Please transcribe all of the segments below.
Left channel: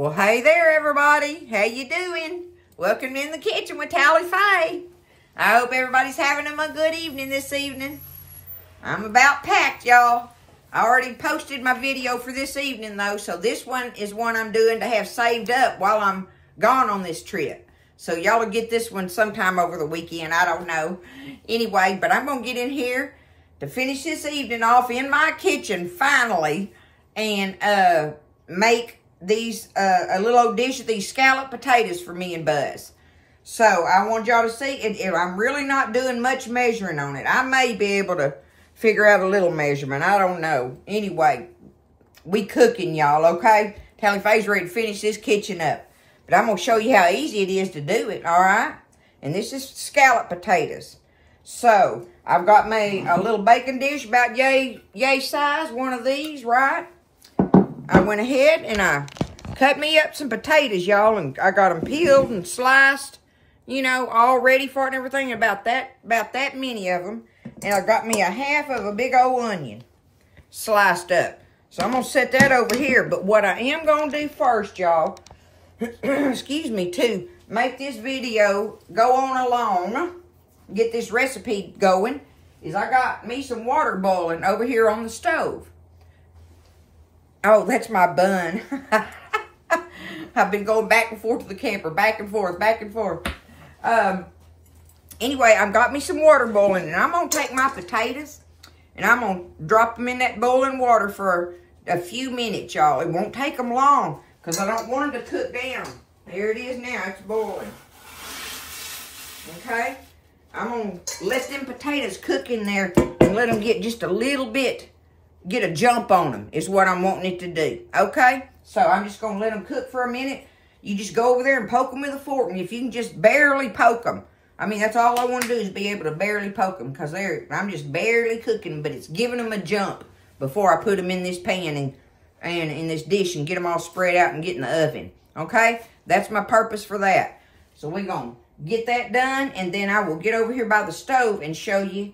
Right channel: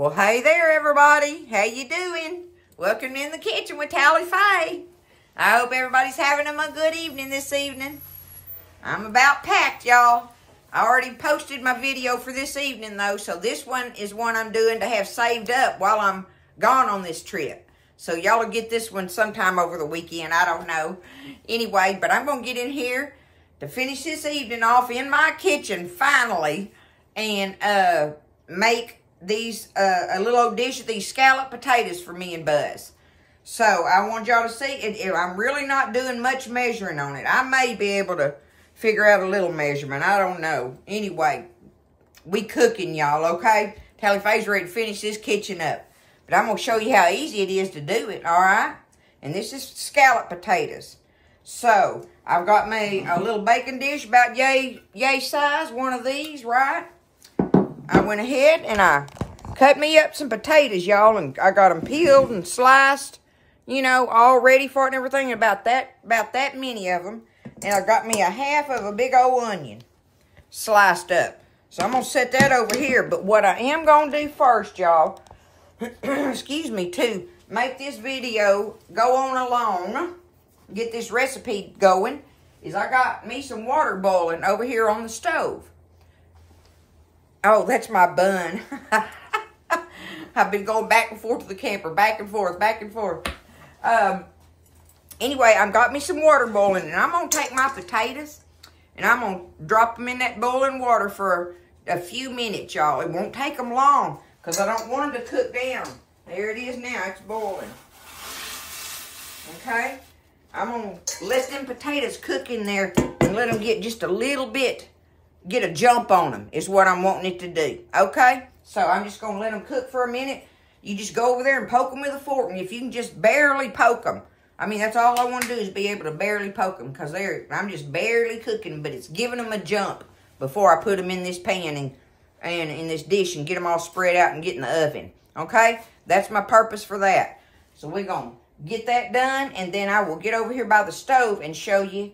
Well, hey there, everybody. How you doing? Welcome in the kitchen with Talli Faye. I hope everybody's having a good evening this evening. I'm about packed, y'all. I already posted my video for this evening, though, so this one is one I'm doing to have saved up while I'm gone on this trip. So y'all will get this one sometime over the weekend. I don't know. Anyway, but I'm going to get in here to finish this evening off in my kitchen, finally, and make these a little old dish of these scalloped potatoes for me and Buzz. So I want y'all to see it. I'm really not doing much measuring on it. I may be able to figure out a little measurement. I don't know. Anyway, we cooking, y'all, okay? Talli Faye's ready to finish this kitchen up. But I'm going to show you how easy it is to do it, all right? And this is scalloped potatoes. So I've got me a little baking dish about yay size, one of these, right? I went ahead and I cut me up some potatoes, y'all, and I got them peeled and sliced, you know, all ready for it and everything, about that many of them. And I got me a half of a big old onion sliced up. So I'm going to set that over here. But what I am going to do first, y'all, excuse me, to make this video go on along, get this recipe going, is I got me some water boiling over here on the stove. Oh, that's my bun. I've been going back and forth to the camper, back and forth, back and forth. Anyway, I've got me some water boiling, and I'm going to take my potatoes, and I'm going to drop them in that boiling water for a few minutes, y'all. It won't take them long, because I don't want them to cook down. There it is now. It's boiling. Okay? I'm going to let them potatoes cook in there and let them get just a little bit, get a jump on them is what I'm wanting it to do. Okay? So I'm just going to let them cook for a minute. You just go over there and poke them with a fork. And if you can just barely poke them. I mean, that's all I want to do is be able to barely poke them. Because I'm just barely cooking. But it's giving them a jump before I put them in this pan and in this dish. And get them all spread out and get in the oven. Okay? That's my purpose for that. So we're going to get that done. And then I will get over here by the stove and show you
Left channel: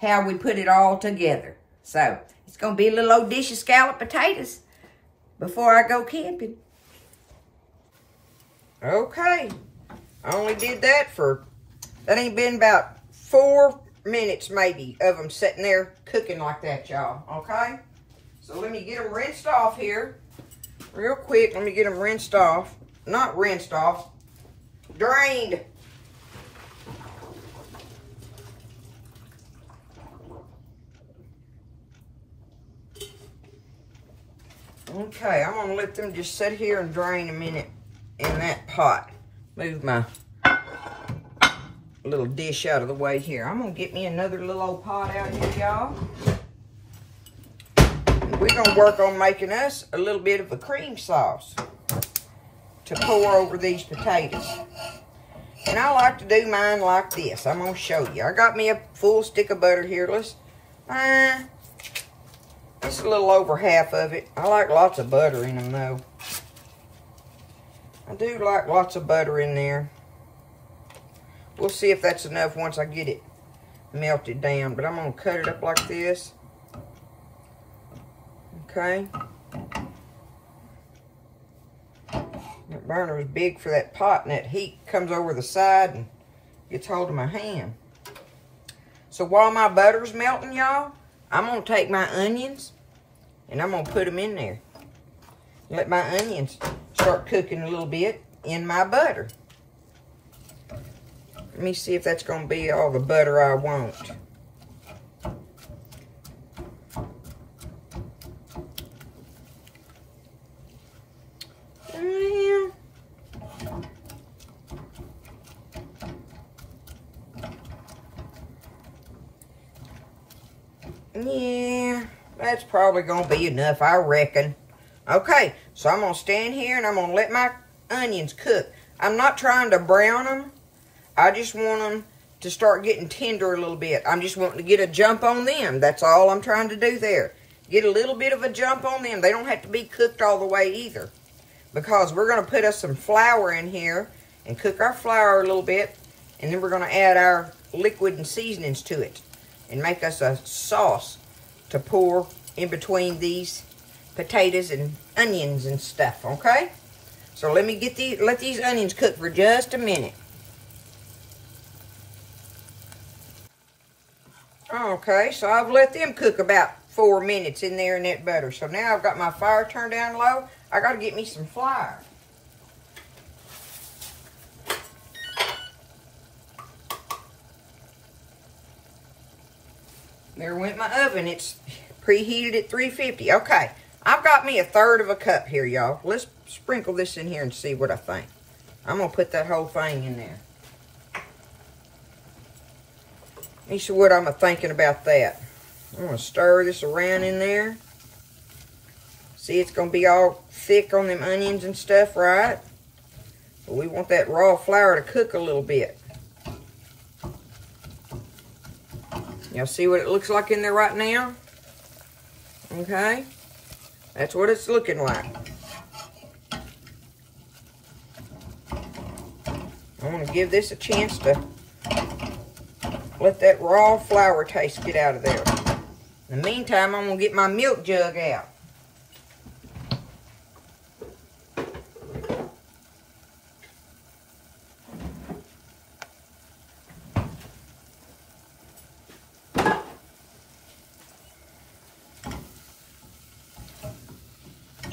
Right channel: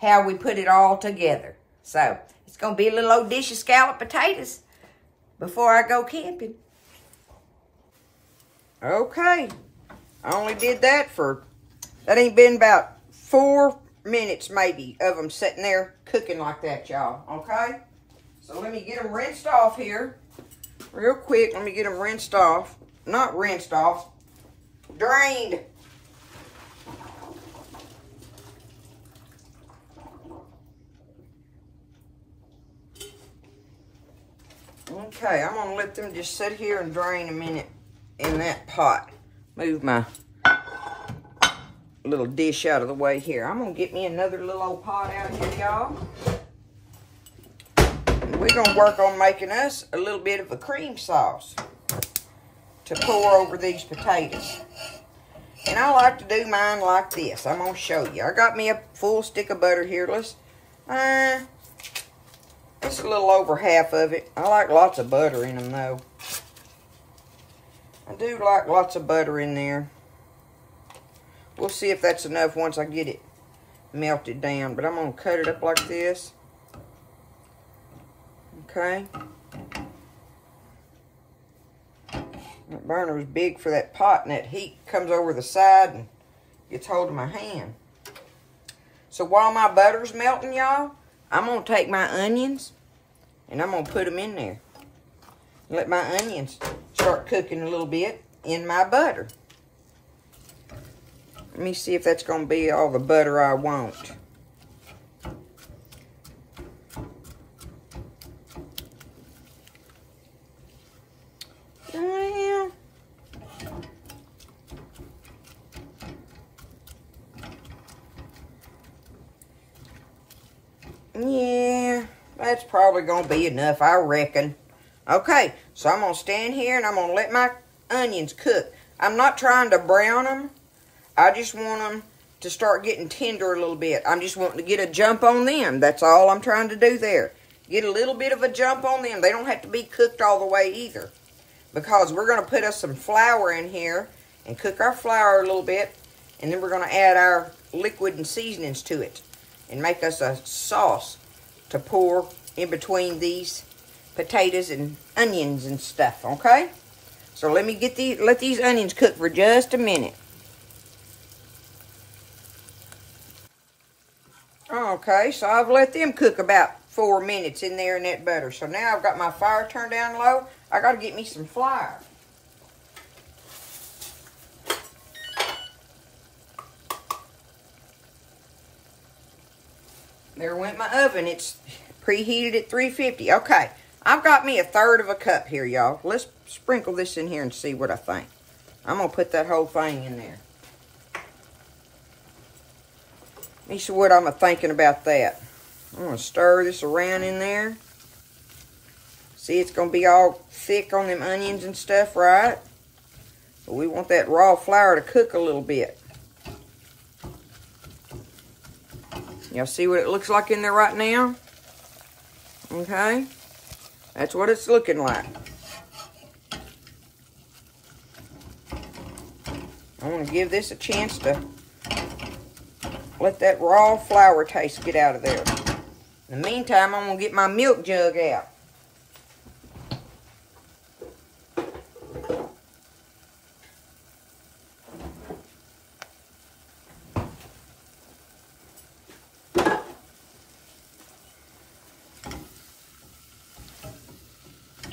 how we put it all together. So it's going to be a little old dish of scalloped potatoes before I go camping. Okay. I only did that ain't been about 4 minutes maybe of them sitting there cooking like that, y'all. Okay? So let me get them rinsed off here. Real quick, let me get them rinsed off. Not rinsed off. Drained. Okay, I'm going to let them just sit here and drain a minute in that pot. Move my little dish out of the way here. I'm going to get me another little old pot out here, y'all. We're going to work on making us a little bit of a cream sauce to pour over these potatoes. And I like to do mine like this. I'm going to show you. I got me a full stick of butter here. That's a little over half of it. I like lots of butter in them, though. I do like lots of butter in there. We'll see if that's enough once I get it melted down. But I'm going to cut it up like this. Okay. That burner is big for that pot, and that heat comes over the side and gets hold of my hand. So while my butter's melting, y'all, I'm going to take my onions and I'm going to put them in there. Let my onions start cooking a little bit in my butter. Let me see if that's going to be all the butter I want. Yeah, that's probably going to be enough, I reckon. Okay, so I'm going to stand here and I'm going to let my onions cook. I'm not trying to brown them. I just want them to start getting tender a little bit. I'm just wanting to get a jump on them. That's all I'm trying to do there. Get a little bit of a jump on them. They don't have to be cooked all the way either. Because we're going to put us some flour in here and cook our flour a little bit. And then we're going to add our liquid and seasonings to it. And make us a sauce to pour in between these potatoes and onions and stuff, okay? So let me let these onions cook for just a minute. Okay, so I've let them cook about 4 minutes in there in that butter. So now I've got my fire turned down low. I got to get me some flour. There went my oven. It's preheated at 350. Okay, I've got me 1/3 cup here, y'all. Let's sprinkle this in here and see what I think. I'm going to put that whole thing in there. Let me see what I'm thinking about that. I'm going to stir this around in there. See, it's going to be all thick on them onions and stuff, right? But we want that raw flour to cook a little bit. Y'all see what it looks like in there right now? Okay? That's what it's looking like. I want to give this a chance to let that raw flour taste get out of there. In the meantime, I'm going to get my milk jug out.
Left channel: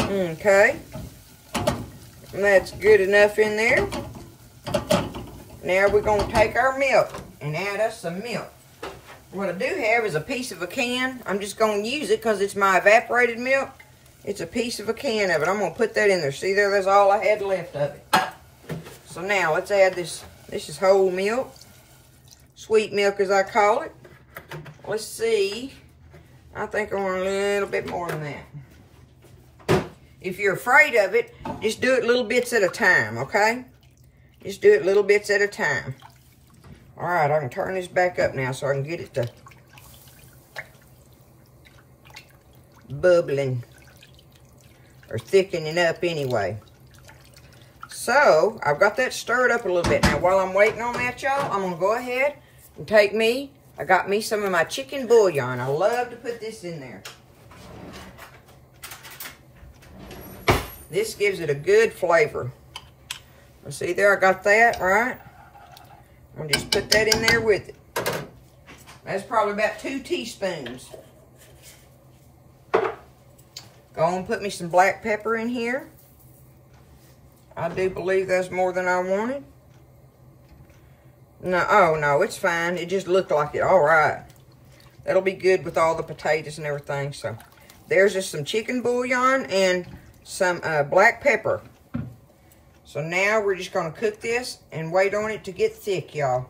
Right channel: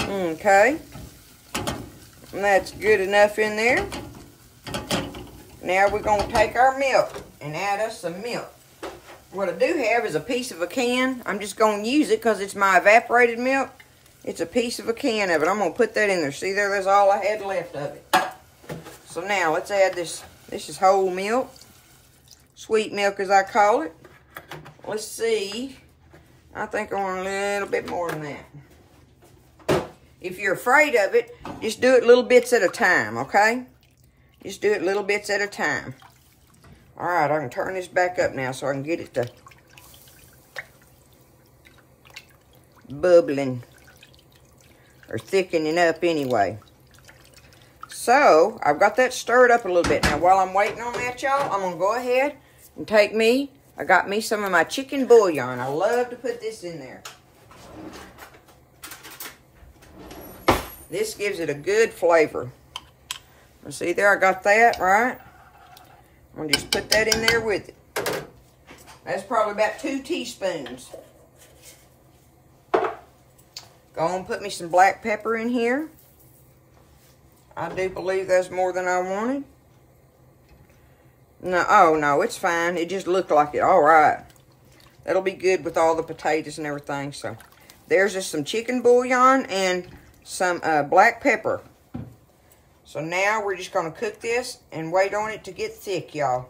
Okay. And that's good enough in there. Now we're going to take our milk and add us some milk. What I do have is a piece of a can. I'm just going to use it because it's my evaporated milk. It's a piece of a can of it. I'm going to put that in there. See there? That's all I had left of it. So now let's add this. This is whole milk. Sweet milk as I call it. Let's see. I think I want a little bit more than that. If you're afraid of it, just do it little bits at a time, okay? Just do it little bits at a time. All right, I can turn this back up now so I can get it to bubbling or thickening up anyway. So, I've got that stirred up a little bit. Now, while I'm waiting on that, y'all, I'm going to go ahead and I got me some of my chicken bouillon. I love to put this in there. This gives it a good flavor. See there, I got that, right? I'm going to just put that in there with it. That's probably about 2 teaspoons. Go on and put me some black pepper in here. I do believe that's more than I wanted. No, oh no, it's fine. It just looked like it. All right. That'll be good with all the potatoes and everything. So there's just some chicken bouillon and some black pepper. So now we're just going to cook this and wait on it to get thick, y'all.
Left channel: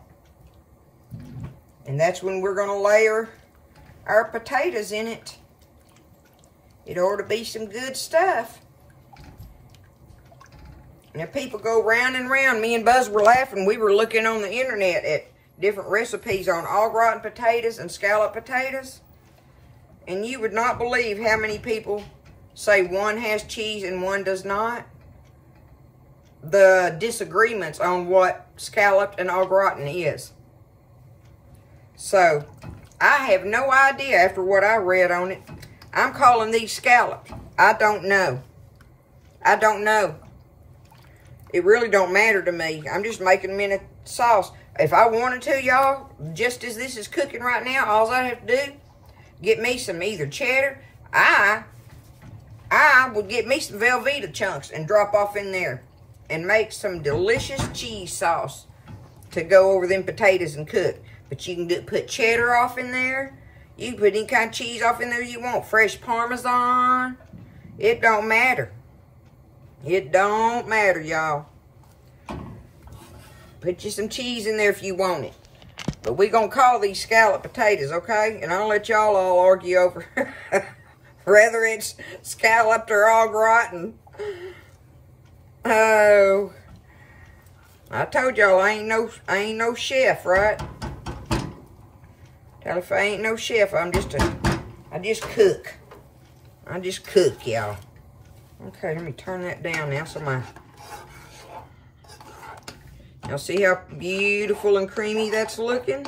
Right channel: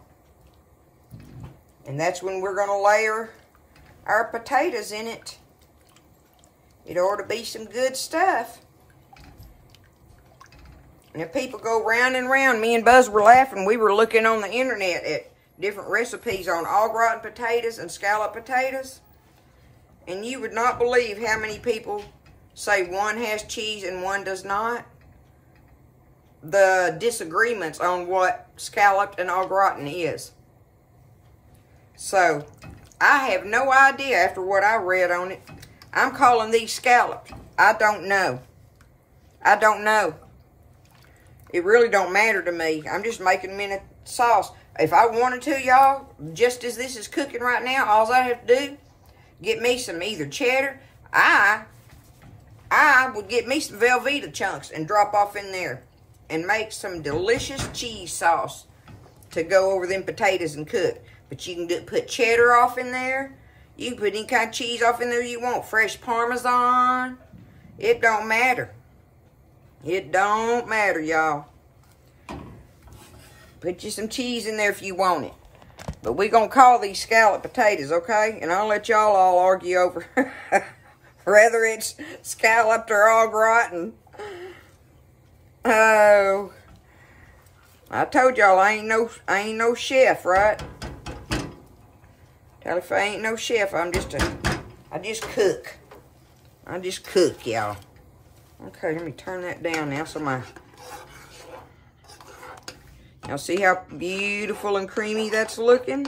And that's when we're going to layer our potatoes in it. It ought to be some good stuff. And if people go round and round, me and Buzz were laughing. We were looking on the internet at different recipes on au gratin potatoes and scalloped potatoes. And you would not believe how many people say one has cheese and one does not. The disagreements on what scalloped and au gratin is. So, I have no idea after what I read on it. I'm calling these scalloped. I don't know. I don't know. It really don't matter to me. I'm just making them in a sauce. If I wanted to, y'all, just as this is cooking right now, all I have to do, get me some either cheddar. I would get me some Velveeta chunks and drop off in there and make some delicious cheese sauce to go over them potatoes and cook. But you can put cheddar off in there. You can put any kind of cheese off in there you want. Fresh Parmesan. It don't matter. It don't matter, y'all. Put you some cheese in there if you want it. But we're going to call these scalloped potatoes, okay? And I'll let y'all all argue over whether it's scalloped or au gratin. Oh, I told y'all I ain't no chef, right? Tell if I ain't no chef, I just cook. I just cook, y'all. Okay, let me turn that down now so y'all see how beautiful and creamy that's looking?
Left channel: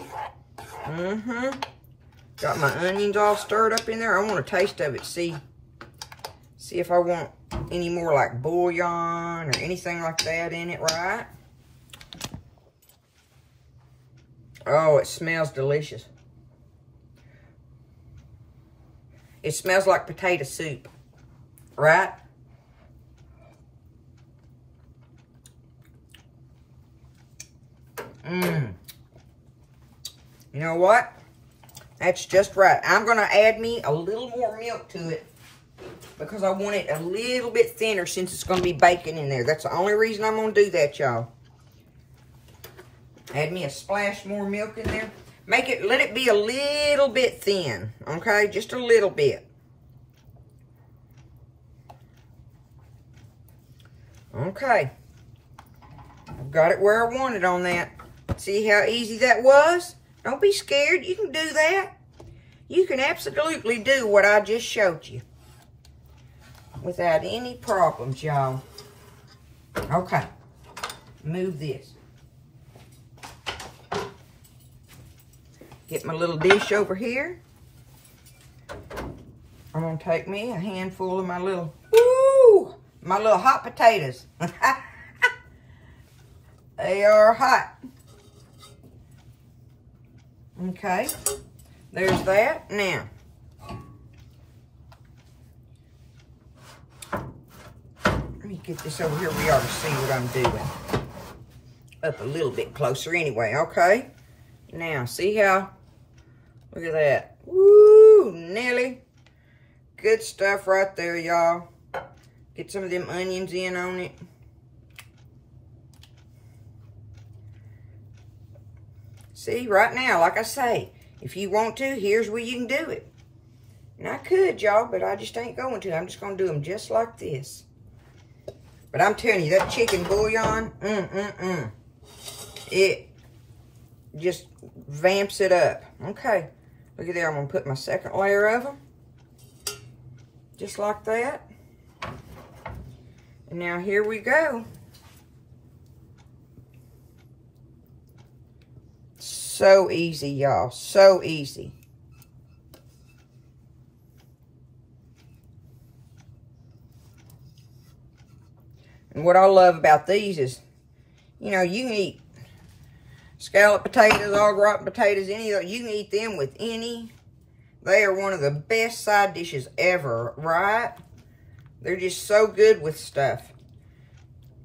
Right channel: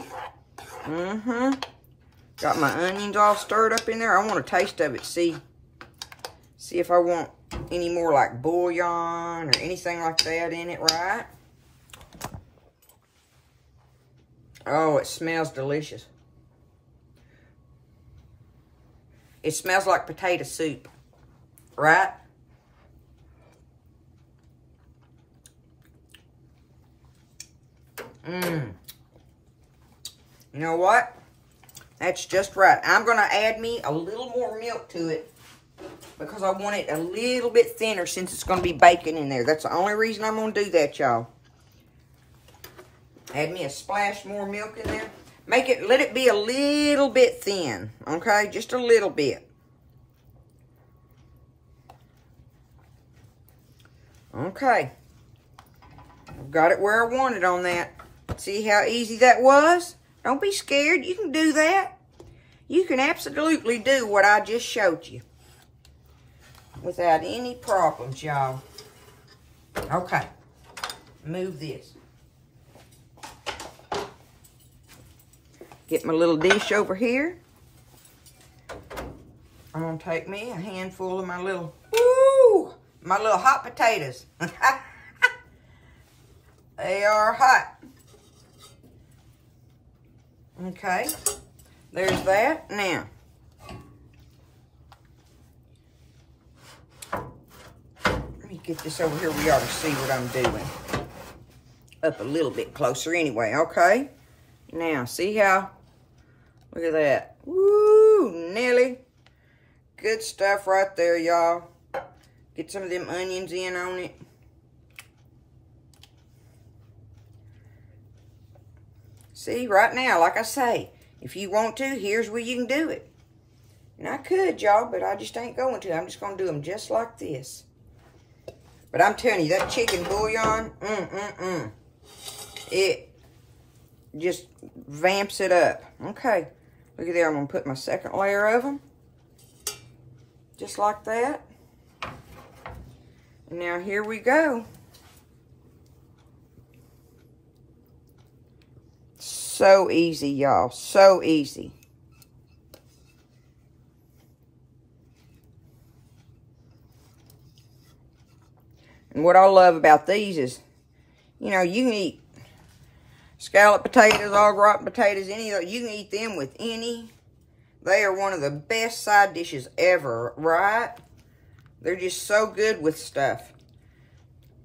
Got my onions all stirred up in there. I want a taste of it. See if I want any more like bouillon or anything like that in it, right? Oh, it smells delicious. It smells like potato soup, right? Mmm. You know what? That's just right. I'm going to add me a little more milk to it because I want it a little bit thinner since it's going to be bacon in there. That's the only reason I'm going to do that, y'all. Add me a splash more milk in there. Let it be a little bit thin, okay? Just a little bit. Okay. I've got it where I want it on that. See how easy that was? Don't be scared. You can do that. You can absolutely do what I just showed you without any problems, y'all. Okay. Move this. Get my little dish over here. I'm going to take me a handful of my little hot potatoes. They are hot. Okay. There's that. Now, let me get this over here where y'all can see what I'm doing. Up a little bit closer anyway, okay? Now, see how? Look at that. Woo, Nelly. Good stuff right there, y'all. Get some of them onions in on it. See, right now, like I say, if you want to, here's where you can do it. And I could, y'all, but I just ain't going to. I'm just going to do them just like this. But I'm telling you, that chicken bouillon, it just vamps it up. Okay, look at there. I'm going to put my second layer of them. Just like that. And now here we go. So easy, y'all. So easy. And what I love about these is, you know, you can eat scalloped potatoes, au gratin potatoes, any of those. You can eat them with any. They are one of the best side dishes ever, right? They're just so good with stuff.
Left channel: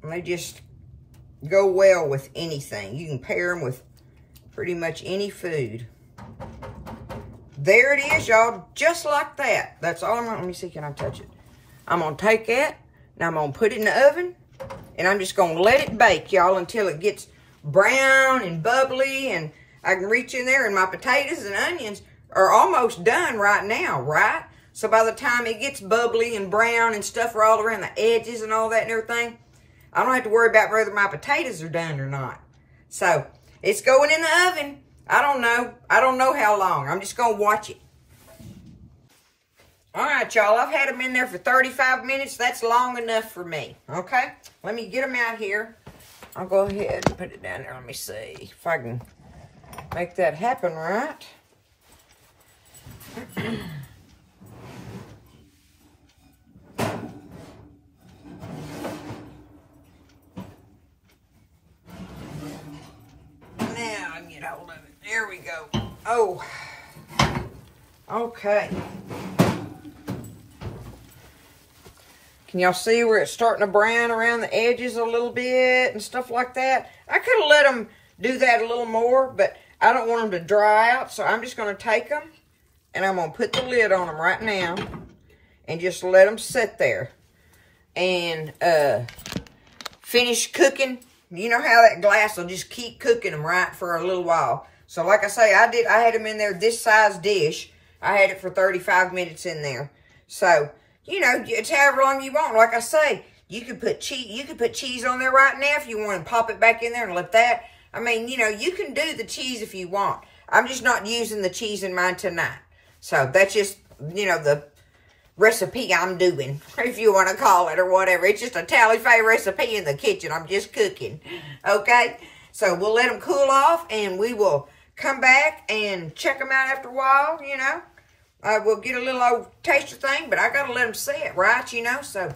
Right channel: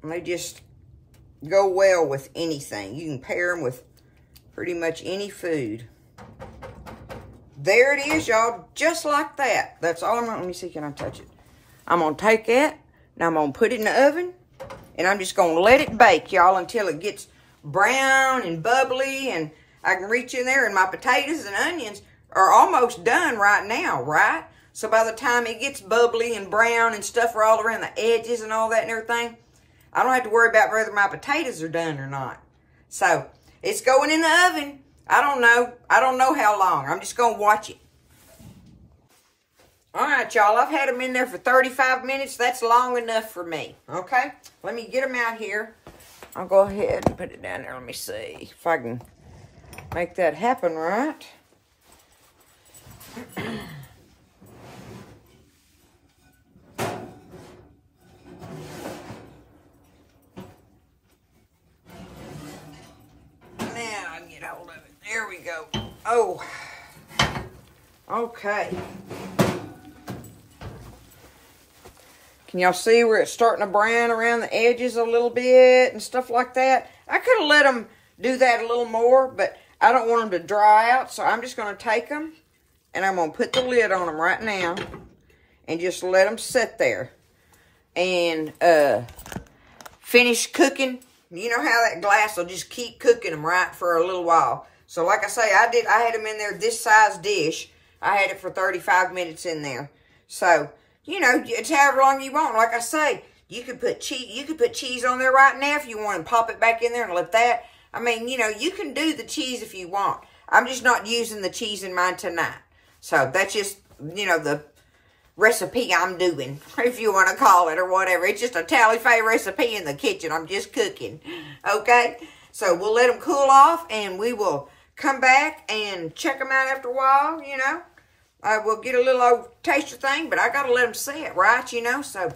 And they just go well with anything. You can pair them with pretty much any food. There it is, y'all. Just like that. That's all I'm going to... Let me see, can I touch it? I'm going to take that, and I'm going to put it in the oven, and I'm just going to let it bake, y'all, until it gets brown and bubbly, and I can reach in there, and my potatoes and onions are almost done right now, right? So by the time it gets bubbly and brown and stuff are all around the edges and all that and everything, I don't have to worry about whether my potatoes are done or not. So... it's going in the oven. I don't know. I don't know how long. I'm just going to watch it. All right, y'all. I've had them in there for 35 minutes. That's long enough for me. Okay? Let me get them out here. I'll go ahead and put it down there. Let me see if I can make that happen right. There we go. Oh. Okay. Can y'all see where it's starting to brown around the edges a little bit and stuff like that? I could have let them do that a little more, but I don't want them to dry out, so I'm just going to take them and I'm going to put the lid on them right now and just let them sit there and finish cooking. You know how that glass will just keep cooking them, right, for a little while. So, like I say, I had them in there this size dish. I had it for 35 minutes in there. So, you know, it's however long you want. Like I say, you could put cheese on there right now if you want and pop it back in there and let that. I mean, you know, you can do the cheese if you want. I'm just not using the cheese in mine tonight. So, that's just, you know, the recipe I'm doing, if you want to call it or whatever. It's just a Talli Faye recipe in the kitchen. I'm just cooking. Okay? So, we'll let them cool off and we will come back and check them out after a while, you know. We'll get a little old taster thing, but I got to let them set, right, you know. So,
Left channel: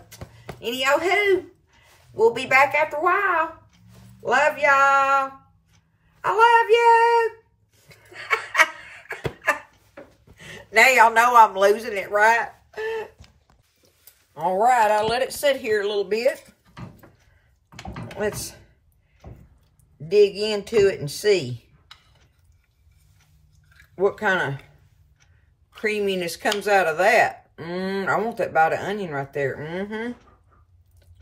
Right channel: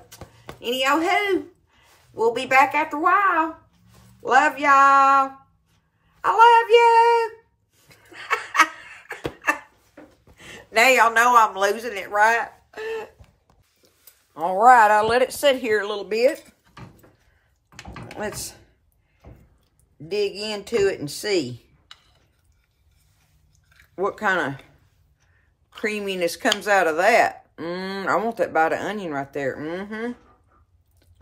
Anywho, we'll be back after a while. Love y'all. I love you. Now y'all know I'm losing it, right? All right, I'll let it sit here a little bit. Let's dig into it and see what kind of creaminess comes out of that. I want that bite of onion right there.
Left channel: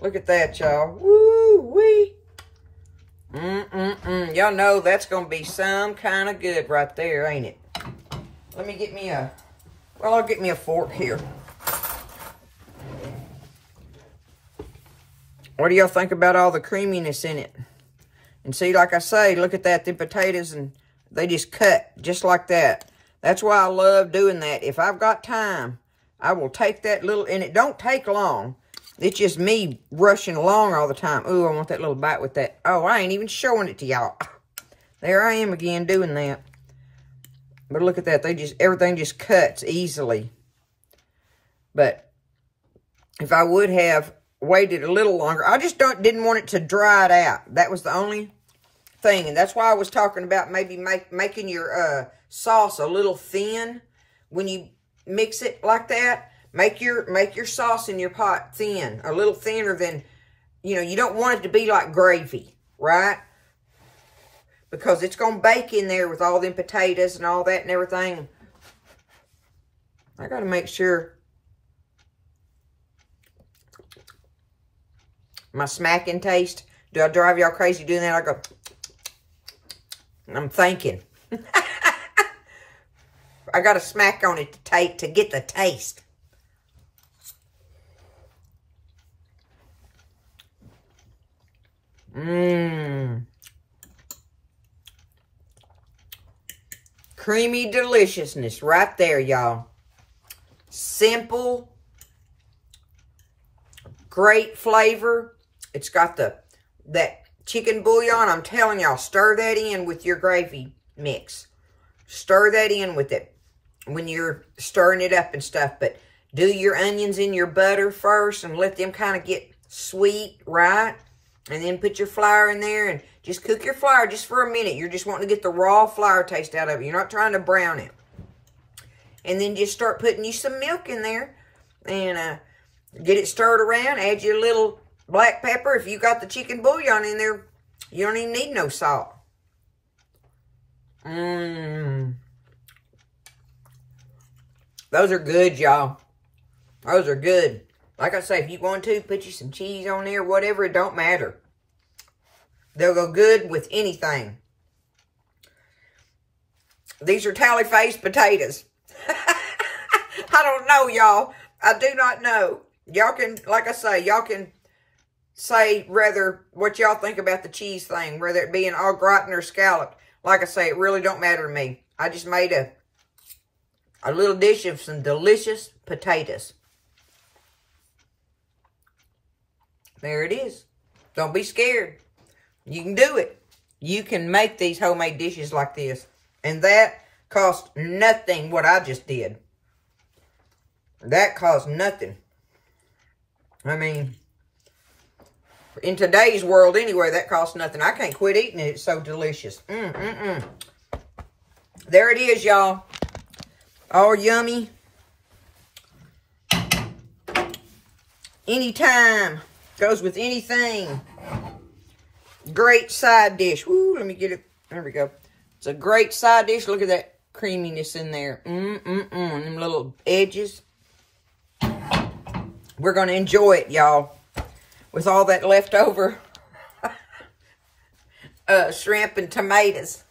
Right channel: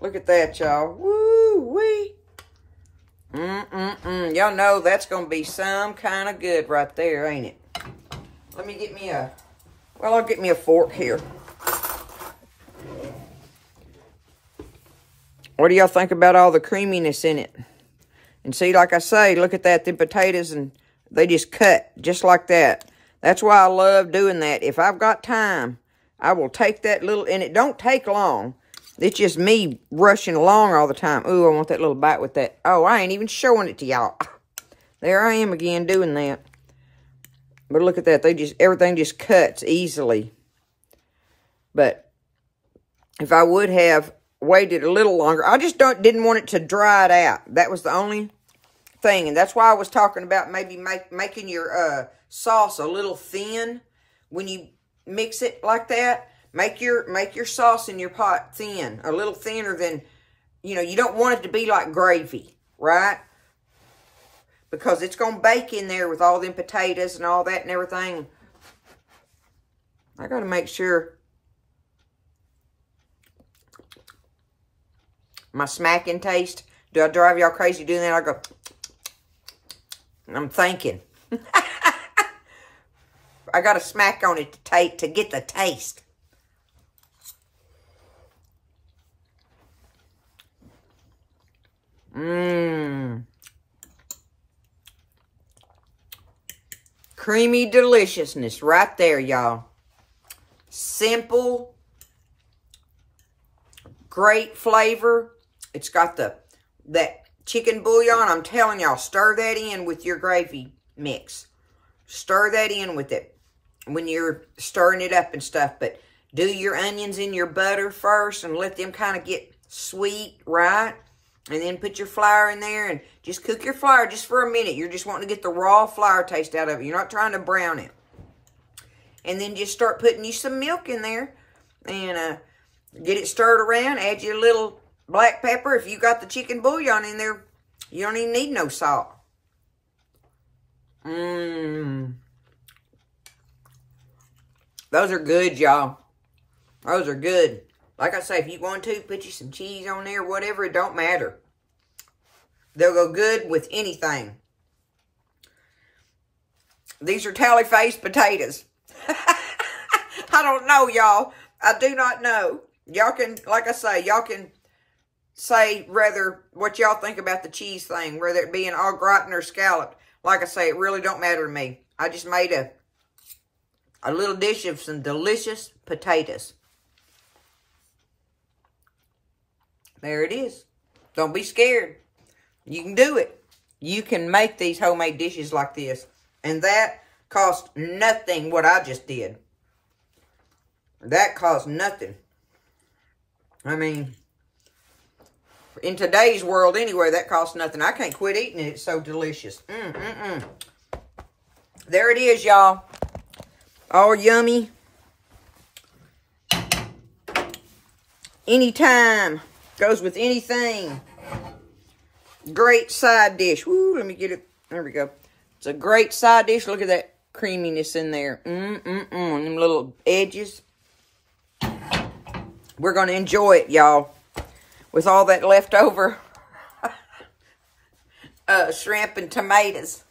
Look at that, y'all. Woo-wee. Y'all know that's going to be some kind of good right there, ain't it? Let me get me a, well, I'll get me a fork here. What do y'all think about all the creaminess in it? And see, like I say, look at that, the potatoes, and they just cut just like that. That's why I love doing that. If I've got time, I will take that little, and it don't take long. It's just me rushing along all the time. Ooh, I want that little bite with that. Oh, I ain't even showing it to y'all. There I am again doing that. But look at that. They just, everything just cuts easily. But if I would have waited a little longer, I just didn't want it to dry it out. That was the only thing. And that's why I was talking about maybe making your sauce a little thin when you mix it like that. Make your sauce in your pot thin, a little thinner than, you know, you don't want it to be like gravy, right? Because it's going to bake in there with all them potatoes and all that and everything. I got to make sure my smacking taste. Do I drive y'all crazy doing that? I go, I'm thinking. I got to smack on it to get the taste. Creamy deliciousness right there, y'all. Simple, great flavor. It's got that chicken bouillon. I'm telling y'all, stir that in with your gravy mix. Stir that in with it when you're stirring it up and stuff. But do your onions in your butter first and let them kind of get sweet, right? And then put your flour in there and just cook your flour just for a minute. You're just wanting to get the raw flour taste out of it. You're not trying to brown it. And then just start putting you some milk in there and get it stirred around. Add your little black pepper. If you got the chicken bouillon in there, you don't even need no salt. Those are good, y'all. Those are good. Like I say, if you want to, put you some cheese on there, whatever, it don't matter. They'll go good with anything. These are Talli Faye's potatoes. I don't know, y'all. I do not know. Y'all can, like I say, y'all can say rather what y'all think about the cheese thing, whether it be an au gratin or scalloped. Like I say, it really don't matter to me. I just made a little dish of some delicious potatoes. There it is. Don't be scared. You can do it. You can make these homemade dishes like this. And that cost nothing what I just did. That cost nothing. I mean, in today's world anyway, that costs nothing. I can't quit eating it. It's so delicious. There it is, y'all. All yummy. Anytime. Goes with anything. Great side dish. Woo, let me get it. There we go. It's a great side dish. Look at that creaminess in there. Them little edges. We're going to enjoy it, y'all. With all that leftover shrimp and tomatoes.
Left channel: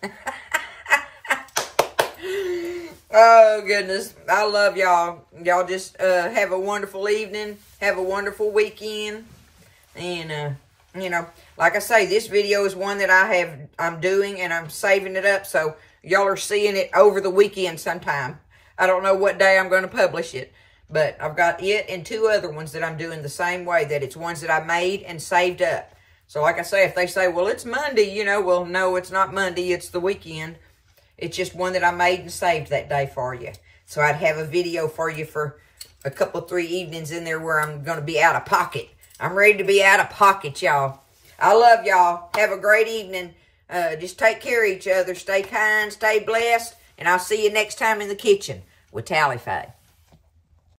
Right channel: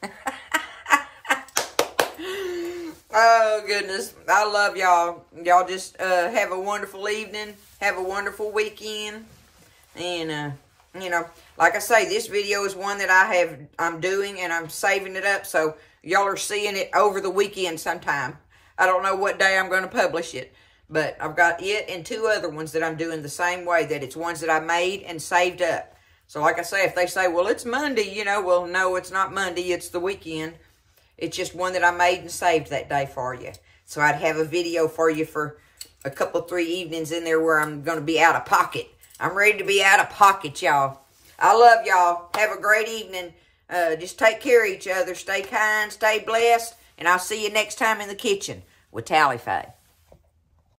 Oh, goodness. I love y'all. Y'all just have a wonderful evening. Have a wonderful weekend. And, you know, like I say, this video is one that I'm doing and I'm saving it up. So y'all are seeing it over the weekend sometime. I don't know what day I'm going to publish it. But I've got it and 2 other ones that I'm doing the same way. That it's ones that I made and saved up. So like I say, if they say, well, it's Monday, you know. Well, no, it's not Monday. It's the weekend. It's just one that I made and saved that day for you. So I'd have a video for you for a couple, 3 evenings in there where I'm going to be out of pocket. I'm ready to be out of pocket, y'all. I love y'all. Have a great evening. Just take care of each other. Stay kind, stay blessed, and I'll see you next time in the kitchen with Talli Faye.